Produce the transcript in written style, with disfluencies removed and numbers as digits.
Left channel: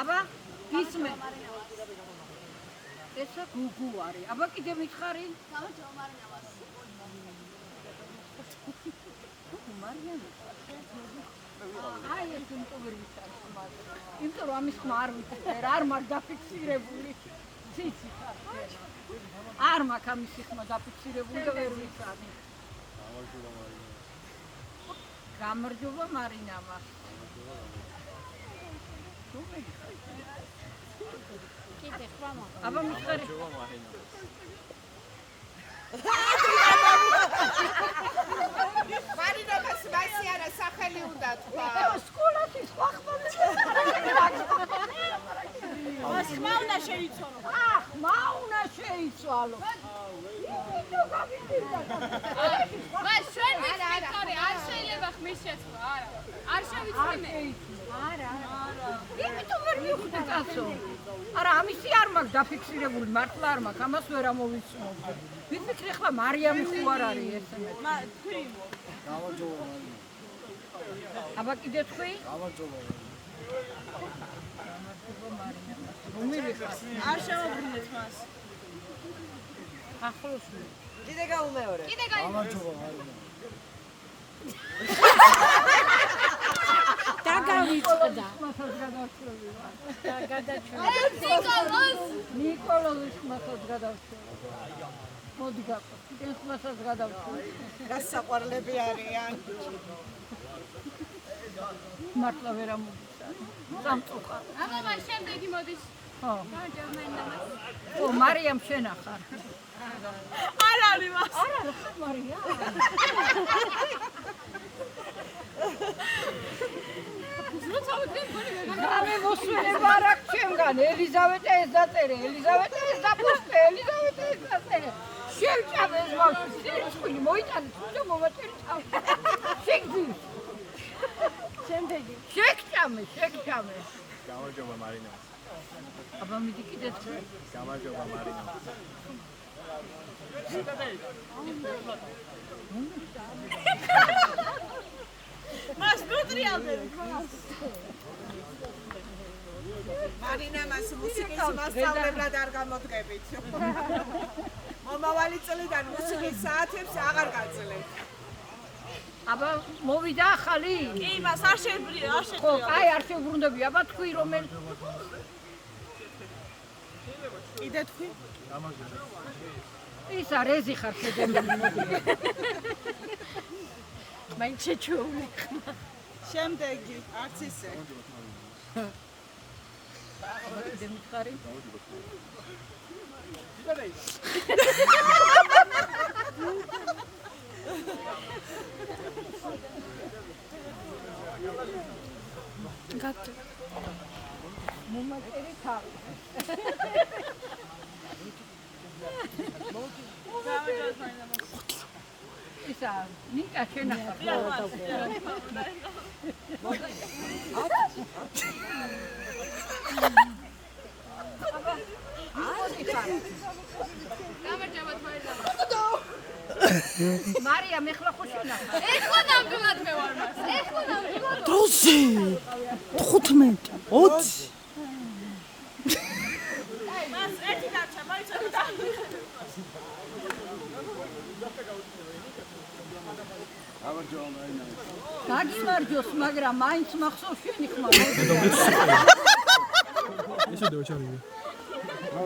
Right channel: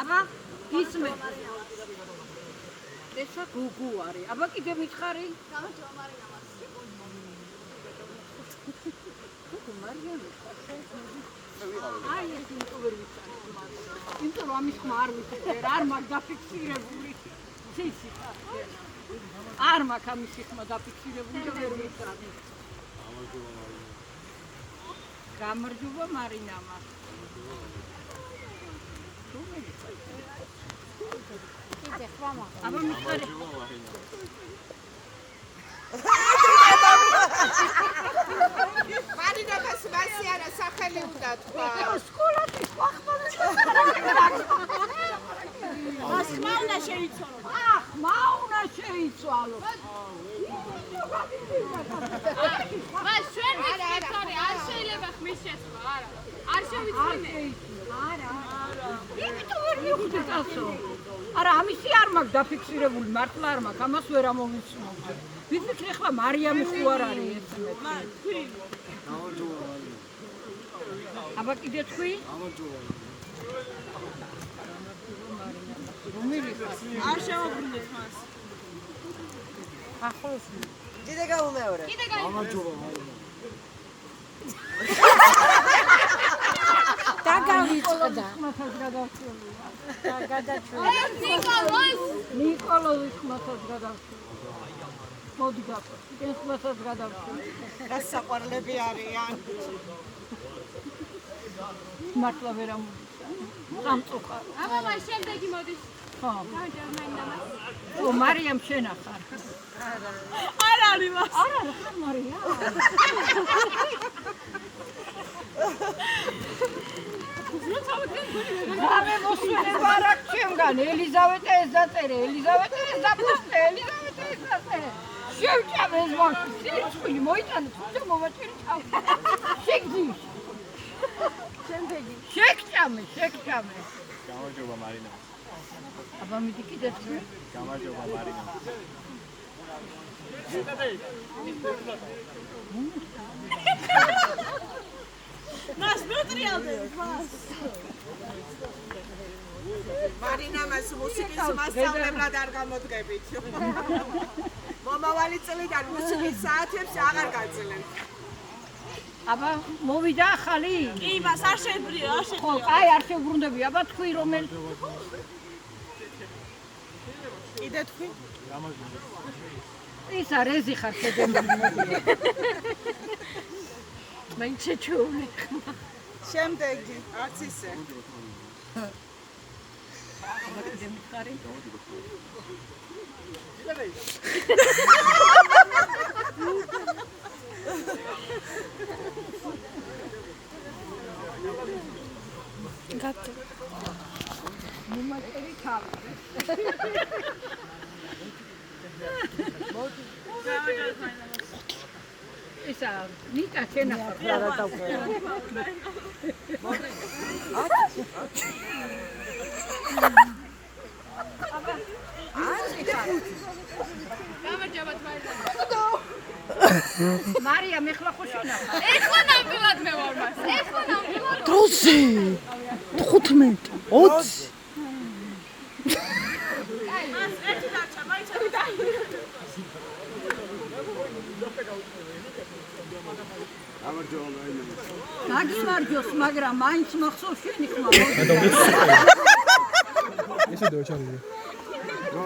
აბა ისმე ესა გუგუ არის აბა კიდე მითხარი აი ეს ინტოვერ ვიცარი იმიტომ რომ ამის ხმა არ ვიცი არ მაქვს დაფიქსირებული ციცი არ მაქვს ამის ხმა დაფიქსირებული და ვერ ვიცარი გამარჯობა მარინამა კიდე ხმა აბა მიხარი მარინამას მასიანა სახელი უნდა თქვა სკოლაში ხმაუნა შეიცვალო ხმაუნა შეიცვალო მას ჩვენ არ შეიძლება ხმის შეცვლა არა არ შევიცვალე არა იმიტომ ვერ მივხვდი კაცო არა ამისი არ მაქვს დაფიქსირებული მართლა არ მაქვს ამას ვერ ამოვიცნო ვიცი ახლა მარიამი ხო არ არის ესმე აბა კიდე თქვი არ შემოგვინეთ მას ახლოს კიდე გაუმეორე გამარჯობა დაგავიწყდა და გადაჭრა ნიკოლოვის ხმასაც გადავშვა მოდი გახო კიდე ხმასაც გადავშვა გასაყვარლები არიან მართლა ვერ ამოვიცან სამწუხარო აბა მას შემდეგი მოდის ხო ო მარიამ შენ ახარ არ არის მას არ არის მარიამ გამე მოსულება არ აქვს ჩემგან ელიზავეტა ეს დაწერე ელიზავეტა ეს დაპოსტე ელიზავეტა ეს დაწერე შევჭამე ეს ბავშვი სირცხული მოიტანე თუნდაც მოვაჭირჭავ შეგდი შემდეგი შეგჭამე გამარჯობა მარინა აბა მიდი კიდე თქვი გამარჯობა მარინა მას ნუტრიალზე მას მარინამას მუსიკის მასწავლებლად არ გამოდგებით მომავალი წლიდან მუსიკის საათებს აღარ გაძლევთ აბა მოვიდა ახალი კი მას არ შებრია ხო აი არ შევრუნდები აბა თქვი რომელ კიდე თქვი ის არის ხარ შედემილი მაინც შეჩვეულე შემდეგი არც ისე დემიხარი გატე მომაწერი თავი ისა ნიკა შენახა რა დავყო გამარჯობა თვალა მარიამ ეხლა ხო შენახა ეხლა ნამდვილად მე ვარ მას ეხლა ნამდვილად დროზე 15 20 მას ერთი დაჩა მაიცოდი გამარჯობა მარინა დაგიმარჯოს მაგრამ მაინც მახსოვს შენი ხმა ესე დავჩარდე